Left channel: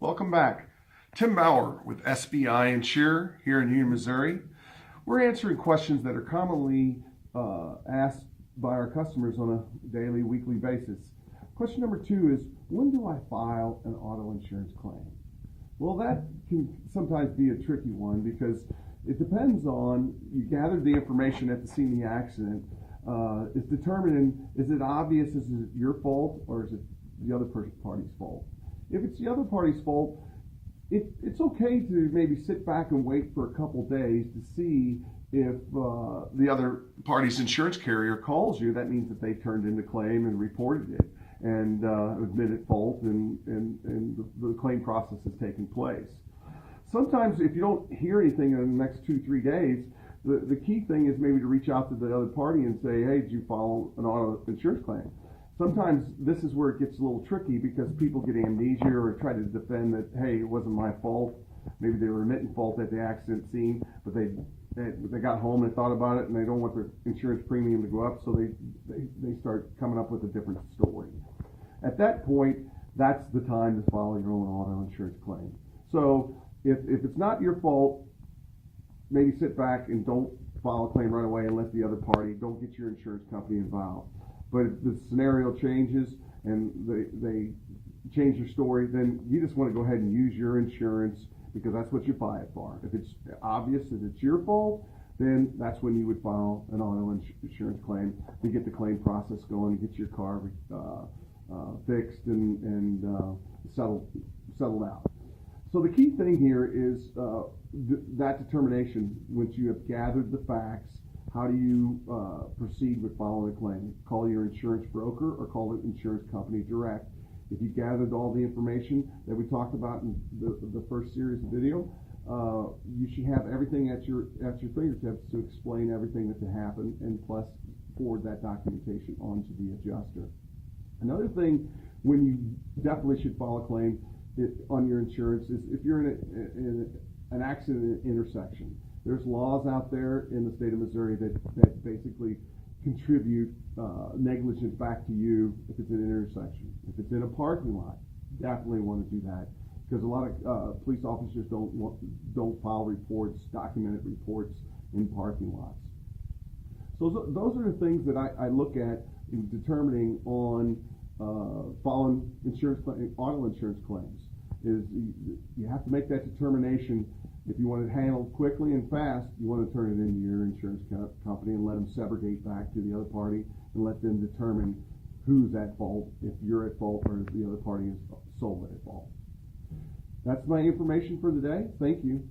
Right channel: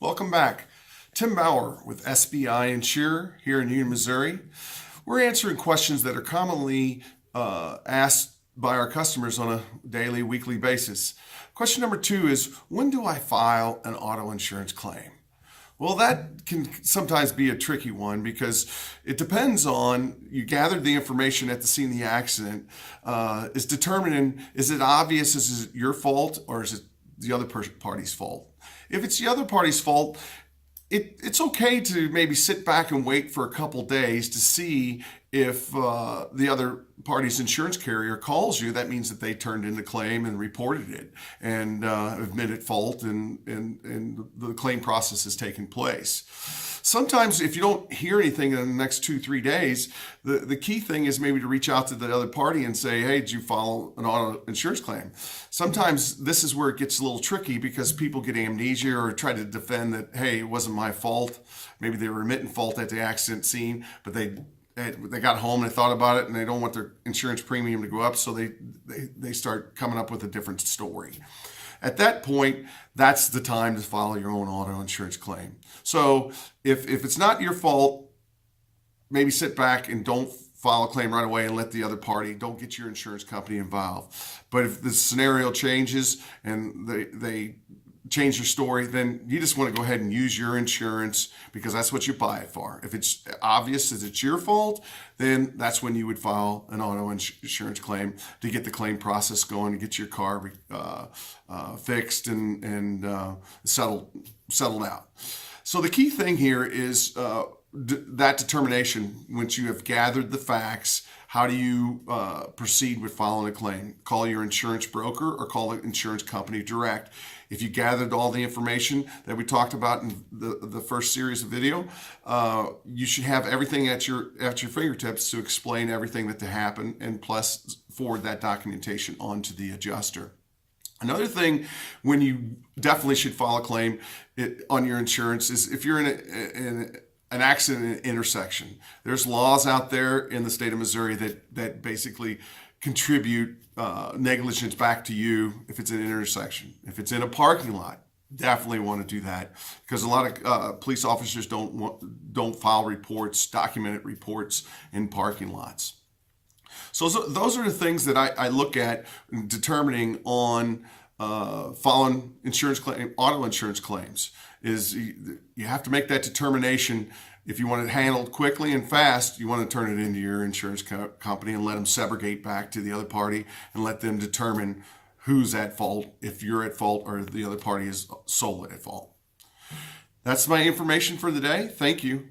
Welcome back. Tim Bauer with SBInsure here in Union, Missouri. We're answering questions that are commonly asked by our customers on a daily, weekly basis. Question number 2 is, when do I file an auto insurance claim? Well, that can sometimes be a tricky one because it depends on, you gathered the information at the scene of the accident, is determining, is it obvious, is it your fault or is it the other party's fault? If it's the other party's fault, it's okay to maybe sit back and wait for a couple days to see if the other party's insurance carrier calls you. That means that they turned in the claim and reported it and admitted fault, and the claim process has taken place. Sometimes if you don't hear anything in the next 2-3 days, the key thing is maybe to reach out to the other party and say, hey, did you file an auto insurance claim? Sometimes this is where it gets a little tricky because people get amnesia or try to defend that, hey, it wasn't my fault. Maybe they were admitting fault at the accident scene, but they got home and they thought about it and they don't want their insurance premium to go up, so they start coming up with a different story. At that point, that's the time to file your own auto insurance claim. So if it's not your fault, maybe sit back and don't file a claim right away and let the other party, don't get your insurance company involved. But if the scenario changes and they change your story, then you just want to go ahead and use your insurance because that's what you buy it for. If it's obvious that it's your fault, then that's when you would file an auto insurance claim to get the claim process going, to get your car fixed and settled out. So the key thing here is that determination. Once you have gathered the facts, how do you proceed with filing a claim? Call your insurance broker or call an insurance company direct. If you gathered all the information that we talked about in the first series of video, you should have everything at your fingertips to explain everything that happened, and plus forward that documentation onto the adjuster. Another thing, when you definitely should file a claim on your insurance, is if you're in an accident in an intersection. There's laws out there in the state of Missouri that basically contribute negligence back to you if it's an intersection. If it's in a parking lot, definitely want to do that, because a lot of police officers don't file reports, documented reports in parking lots. So those are the things that I look at in determining on filing auto insurance claims. Is you have to make that determination. If you want it handled quickly and fast, you want to turn it into your insurance company and let them subrogate back to the other party and let them determine who's at fault, if you're at fault or the other party is solely at fault. That's my information for the day. Thank you.